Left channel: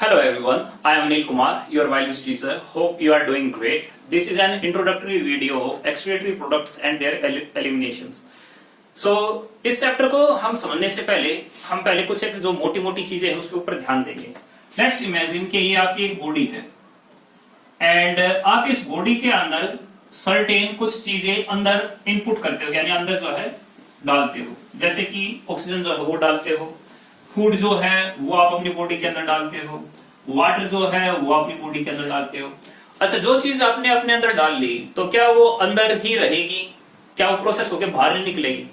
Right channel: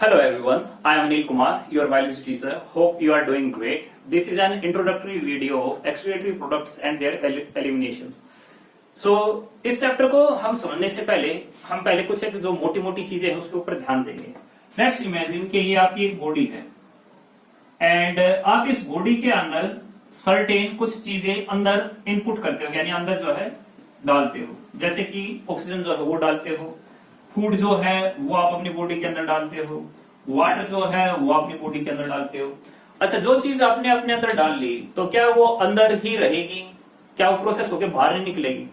Hello everyone, I am Anil Kumar, your biology teacher. Hope you are doing great. This is an introductory video of excretory products and their eliminations. So इस chapter को हम समझने से पहले हम पहले कुछ एक जो मोटी मोटी चीजें हैं उसके ऊपर ध्यान देंगे. लेट्स इमेजिन कि ये आपकी एक बॉडी है एंड आप इस बॉडी के अंदर सर्टेन कुछ चीजें अंदर इनपुट करते हो, यानी अंदर जो है डालते हो, जैसे कि ऑक्सीजन जो है वो डालते हो, फूड जो है वो आप अपनी बॉडी के अंदर डालते हो, वाटर जो है वो अपनी बॉडी के अंदर डालते हो. अच्छा, जो चीज आपने अपने अंदर डाल ली तो क्या वो अंदर ही रहेगी? क्या वो प्रोसेस होकर बाहर नहीं निकलेगी?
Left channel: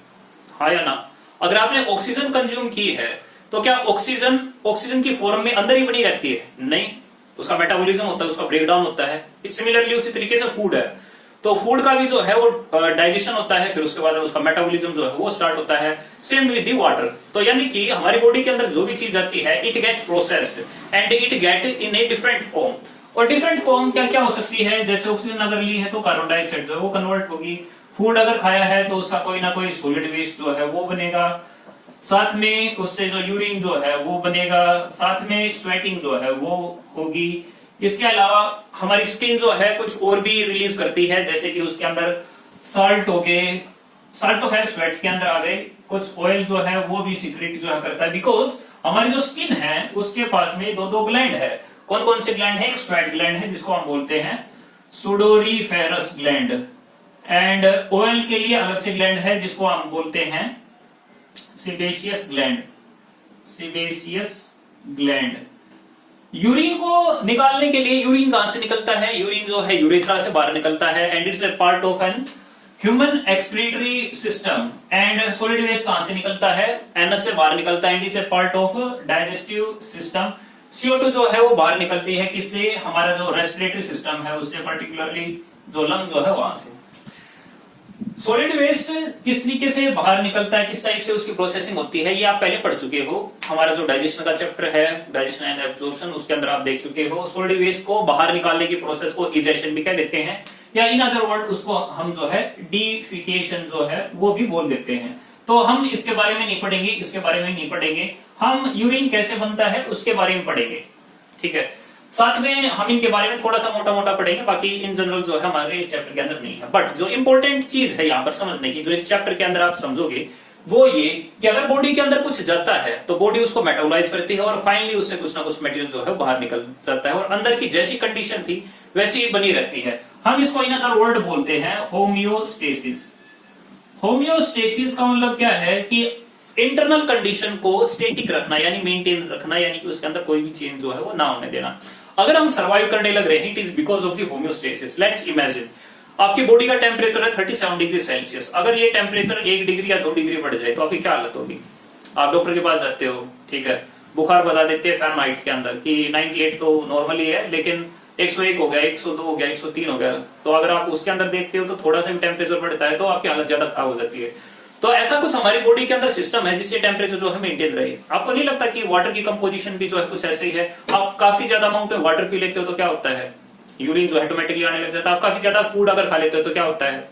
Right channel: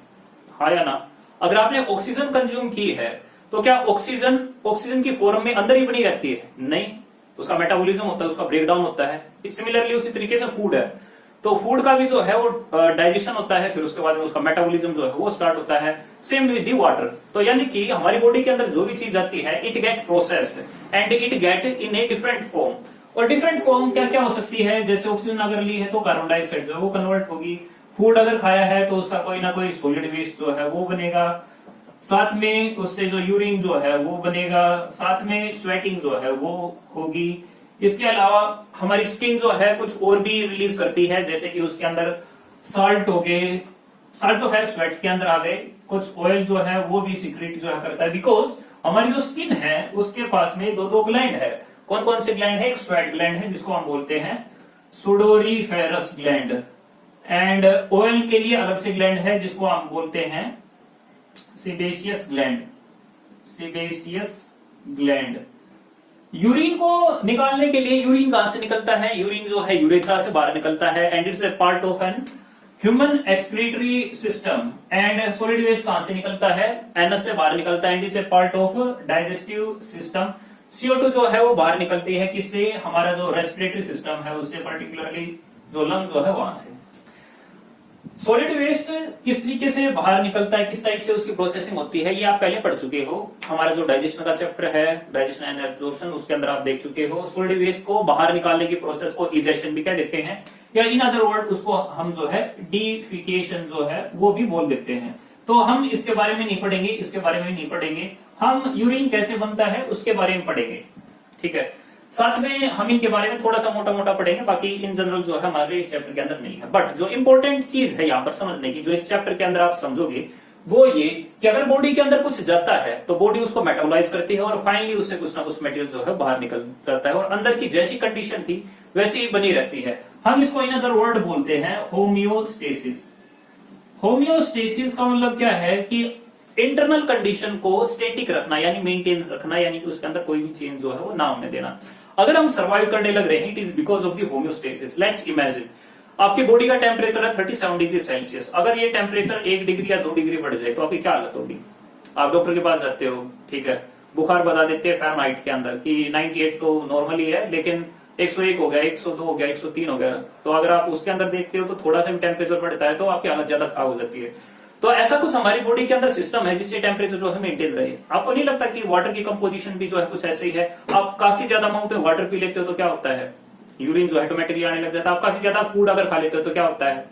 हाँ या ना? अगर आपने ऑक्सीजन कंज्यूम की है तो क्या ऑक्सीजन की फॉर्म में अंदर ही बनी रहती है? नहीं, उसका मेटाबॉलिज्म होता है, उसका ब्रेकडाउन होता है. सिमिलरली उसी तरीके से फूड है, तो फूड का भी जो है वो डाइजेशन होता है, फिर उसके बाद में उसका मेटाबॉलिज्म जो है वो स्टार्ट होता है. Same with the water. तो यानी कि हमारी बॉडी के अंदर जो भी चीज आती है it get processed and it get in a different form. और डिफरेंट फॉर्म क्या क्या हो सकती है? जैसे ऑक्सीजन अगर ली है तो कार्बन डाइऑक्साइड जो है वो कन्वर्ट होगी. फूड अगर खाया है तो उसका कोई ना कोई सॉलिड वेस्ट जो है वो बनेगा, साथ में उससे जो यूरिन जो है वो बनेगा, साथ में स्वेटिंग जो है वो होगी. इसके अलावा हमारी स्किन जो है कुछ और भी रिलीज करती है, जैसे कि उसके अंदर साल्ट हो गए, साल्ट तो खैर स्वेट के अंदर आ गए, कुछ ऑयल जो है वो भी सीक्रेट जो है करता है. बिकॉज हमारी जो स्किन है उसके पास में दो ग्लैंड है. कौन कौन से ग्लैंड है? एक स्वेट ग्लैंड है जिसको हम बोलते हैं सुडोरीफेरस ग्लैंड, एंड ऑयल के लिए अलग से ग्लैंड है जिसको हम बोलते हैं sebaceous gland. Sebaceous gland. Urine को निकालने के लिए यूरिन कहां से निकलता है? यूरिन जो है यूरेथ्रा से बाहर निकलता है and it's a part of an human excretory system. And solid waste कहां से निकलता है? एनस से बाहर निकलता है and it's a part of digestive system. CO2 जो है वो बाहर निकलती है किससे? हमारा जो रेस्पिरेटरी सिस्टम है उससे, पर्टिकुलरली जो लंग जो है वहां से. सॉलिड वेस्ट किस तरीके से बाहर निकलता है, किस टाइप से उसकी प्रोसेसिंग होती है, ये आप पहले पढ़ चुके हो. हमारा जो डाइजेशन का चैप्टर है, डाइजेशन एंड एब्जॉर्प्शन, उसके अंदर आप देख चुके हो. सॉलिड वेस्ट को बाहर निकालने की प्रोसेस को इजेशन भी कह देते हैं, या इन अदर वर्ड उसको हम जो है डिफिकेशन जो है वो भी बोल देते हैं. तो हम इसके बारे में नहीं पढ़ेंगे, इसके बारे में नहीं पढ़ेंगे. हम यूरिन कैसे बनता है उसके बारे में पढ़ेंगे, ठीक है. साथ में हम इनके बारे में थोड़ा सा मोटा मोटा पढ़ेंगे, बाकी इन जनरल जो है हमारे इस चैप्टर के अंदर नहीं है. बट जो इंपॉर्टेंट चीज है यहाँ पर समझने की, जो इस चैप्टर के अंदर आप समझोगे, वो ये कि अगर बॉडी के अंदर कुछ जाता है तो बॉडी उसको मेटाबोलाइज करती है और फाइनली उससे कुछ ना कुछ मटेरियल जो है बाहर निकल जाता है और अंदर की जैसी कंडीशन थी वैसी ही बनी रहती है. हम इसको इन अदर वर्ड बोलते हैं होम्योस्टेसिस. होम्योस्टेसिस का मतलब क्या है कि इंटरनल कंडीशन को स्टेटिक रखना, यानी मेंटेन रखना, यानी कि उसके अंदर कोई भी चेंज जो है वो ना होने देना. अगर हम सर्वाइव करने लग रहे हैं it is because of the homeostasis. Let's imagine आपकी बॉडी का टेम्परेचर है 37 डिग्री सेल्सियस. अगर ये टेम्परेचर 1 डिग्री या 2 डिग्री बढ़ जाए तो आपकी क्या हालत होगी? आप डॉक्टर के पास जाते हो, ठीक है, बुखार बता देते हैं फ़ारेनहाइट के अंदर कि 98 तो नॉर्मली है, लेकिन 101 हो गया, 102 हो गया, 103 हो गया. तो अगर आप उसके अंदर देखते हो तो थोड़ा सा भी टेम्परेचर बढ़ता है तो आपकी हालत ज्यादा खराब हो जाती है. तो ऐसा कुछ हमारी बॉडी के अंदर सिस्टम है जिससे टेम्परेचर जो है मेंटेन रहे. आपको नहीं लगता कि वाटर की कंपोजिशन भी जो है कुछ ऐसे ही है? आप काफी ज्यादा अमाउंट में वाटर पी लेते हो तो क्या होता है? यूरिन जो है ऑटोमेटिकली आने लग जाता है. आप काफी ज्यादा फूड अगर खा लेते हो तो क्या होता है?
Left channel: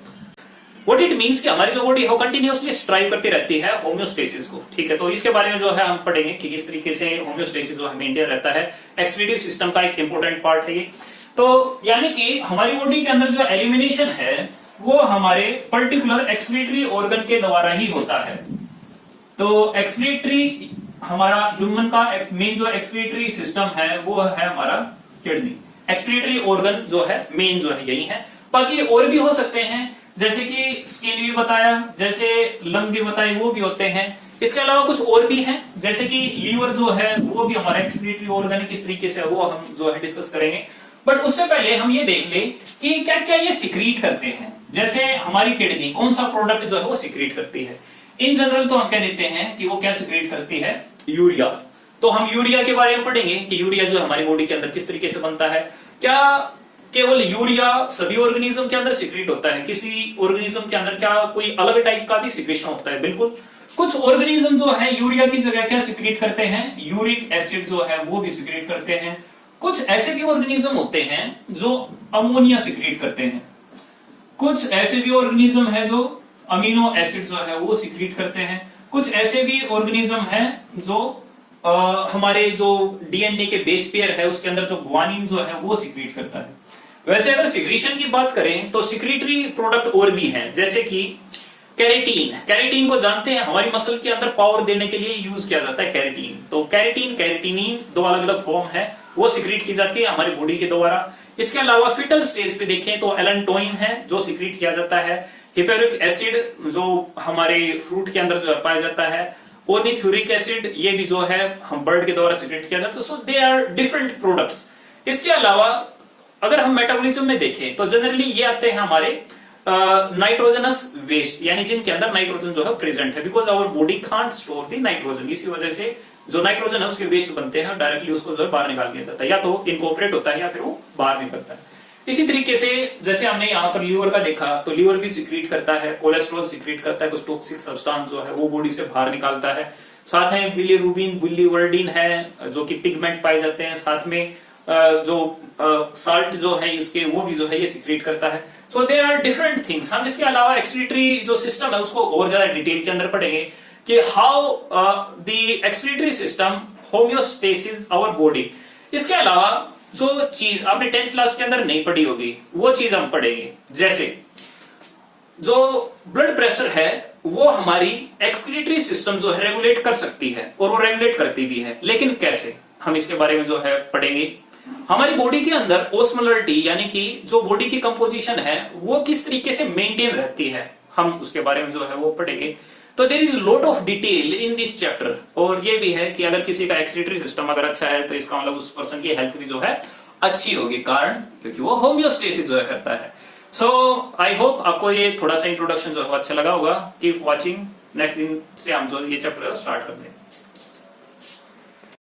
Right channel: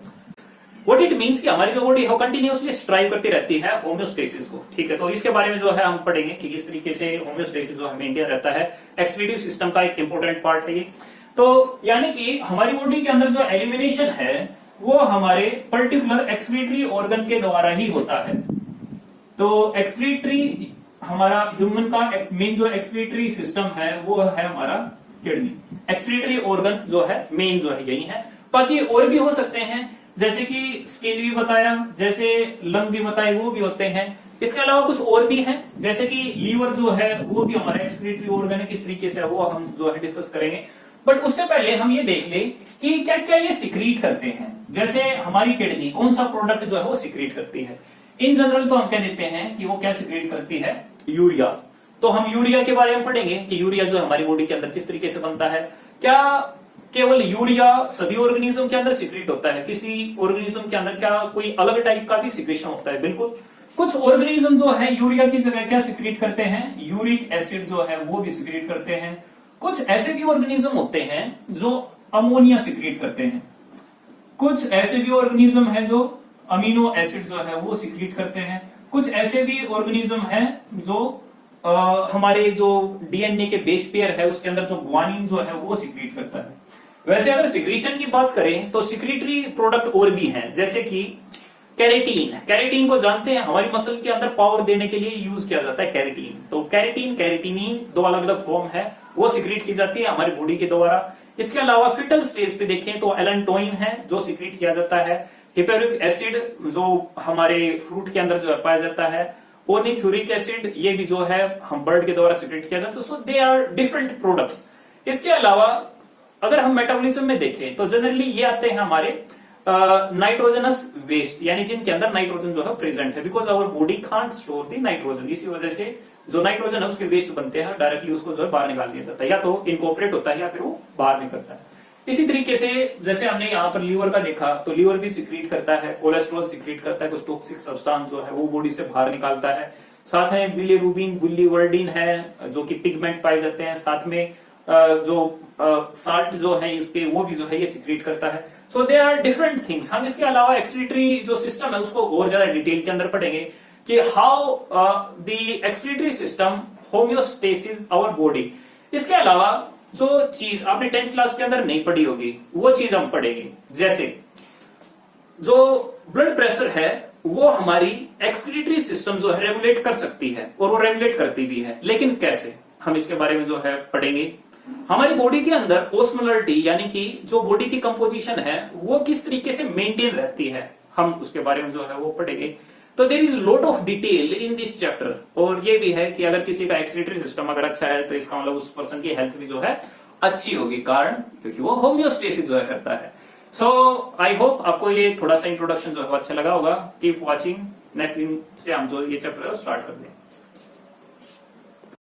व्हाट इट मींस कि हमारी जो बॉडी है कंटिन्यूअसली स्ट्राइव करती रहती है होम्योस्टेसिस को, ठीक है. तो इसके बारे में जो है हम पढ़ेंगे कि किस तरीके से होम्योस्टेसिस जो है मेंटेन रहता है. एक्सक्रीटिव सिस्टम का एक इंपॉर्टेंट पार्ट है ये. तो यानी कि हमारी बॉडी के अंदर जो एलिमिनेशन है वो हमारे पर्टिकुलर एक्सक्रीटरी ऑर्गन के द्वारा ही होता है. तो एक्सक्रीटरी हमारा ह्यूमन का मेन जो एक्सक्रीटरी सिस्टम है वो है हमारा किडनी. एक्सक्रीटरी ऑर्गन जो है मेन जो है यही है. बाकी और भी हो सकते हैं, जैसे कि स्किन भी बताया, जैसे लंग भी बताए, वो भी होते हैं. इसके अलावा कुछ और भी हैं, जैसे कि लीवर जो है वो भी हमारा एक्सक्रीटरी ऑर्गन है. किस तरीके से वो हम जो है डिस्कस करेंगे. बट उससे पहले हम ये देख ले कि क्या क्या ये सिक्रीट करते हैं. जैसे हमारी किडनी कौन सा प्रोडक्ट जो है वो सिक्रीट करती है? इन जनरल तो हम कह देते हैं कि वो क्या सिक्रीट करती है? यूरिया. तो हम यूरिया के बारे में पढ़ेंगे कि यूरिया जो है हमारी बॉडी के अंदर किस तरीके से बनता है. क्या केवल यूरिया सभी ऑर्गेनिज्म के अंदर सिक्रीट होता है? किसी ऑर्गेनिज्म के अंदर क्या कोई अलग टाइप का भी सिक्रेशन होता है? बिल्कुल. कुछ ऑर्गेनिज्म जो है यूरिया की जगह क्या सिक्रीट करते हैं? यूरिक एसिड जो है वो भी सिक्रीट करते हैं. कुछ ऐसे भी ऑर्गेनिज्म होते हैं जो अमोनिया सिक्रीट करते हैं. कुछ ऐसे भी ऑर्गेनिज्म है जो अमीनो एसिड जो है वो सिक्रीट करते हैं. कुछ ऐसे भी ऑर्गेनिज्म है जो हमारे जो डीएनए के बेस पेयर है उसके अंदर जो ग्वानिन जो है वो सिक्रीट करता है। वैसे अगर सिक्रीशन की बात करें तो सिक्रीटरी प्रोडक्ट और भी हैं, जैसे कि कैरेटीन। कैरेटीन को जानते हैं, हमारी मसल के अंदर पावर देने के लिए यूज किया जाता है कैरेटीन। तो कैरेटीन, कैरेटिनिन दो अलग अलग फॉर्म है, वो सिक्रीट की जाती है हमारी बॉडी के द्वारा। इसके अलावा फिटल स्टेज पे देखें तो एलेंटोइन है जो सिक्रीट किया जाता है। हिपेरिक एसिड जो हमारे फ्रूट के अंदर जो पाया जाता है। ओनिथ्यूरिक एसिड ये भी जो है हम बर्ड के द्वारा सिक्रीट किया जाता है। सो दे आर डिफरेंट प्रोडक्ट्स। इसके अलावा अगर हम मेटाबॉलिज्म में देखें तो जनरली ये आते हैं हमारे नाइट्रोजनस वेस्ट, यानी जिनके अंदर नाइट्रोजन जो है प्रेजेंट है, because our body can't store the nitrogen. इसी वजह से जो नाइट्रोजन है उसके वेस्ट बनते हैं, डायरेक्टली उसको जो है बाहर निकाल दिया जाता है, या तो इनकॉर्पोरेट होता है या फिर वो बाहर निकलता है। इसी तरीके से जैसे हमने यहाँ पर लीवर का देखा तो लीवर भी सिक्रीट करता है, कोलेस्ट्रॉल सिक्रीट करता है, कुछ टॉक्सिक सब्सटेंस जो है वो बॉडी से बाहर निकालता है। साथ में बिलीरुबिन, बिलीवर्डिन है जो कि पिगमेंट पाए जाते हैं। साथ में जो साल्ट जो है इसके वो भी जो है ये सिक्रीट करता है। सो दे आर डिफरेंट थिंग्स। हम इसके अलावा एक्सक्रीटरी जो सिस्टम है उसको और ज्यादा डिटेल के अंदर पढ़ेंगे कि how the excretory system homeostasis our body. इसके अलावा जो चीज आपने 10th क्लास के अंदर नहीं पढ़ी होगी वो चीज हम पढ़ेंगे, जैसे जो ब्लड प्रेशर है वो हमारी एक्सक्रीटरी सिस्टम जो है रेगुलेट कर सकती है, और वो रेगुलेट करती भी है, लेकिन कैसे, हम इसके बारे में जो है पढ़ेंगे। हमारी बॉडी के अंदर ओस्मोलरिटी यानी कि जो बॉडी की कंपोजिशन है वो किस तरीके से मेंटेन रहती है, हम उसके बारे में जो है वो पढ़ेंगे। तो there is lot of detail in this chapter. और ये भी है कि अगर किसी का एक्सक्रीटरी सिस्टम अगर अच्छा है तो इसका मतलब उस पर्सन की हेल्थ भी जो है अच्छी होगी, कारण क्योंकि वो होम्योस्टेसिस जो है करता है। सो आई होप आपको ये थोड़ा सा इंट्रोडक्शन जो है अच्छा लगा होगा। कीप वॉचिंग, नेक्स्ट दिन से हम जो ये चैप्टर है स्टार्ट कर देंगे।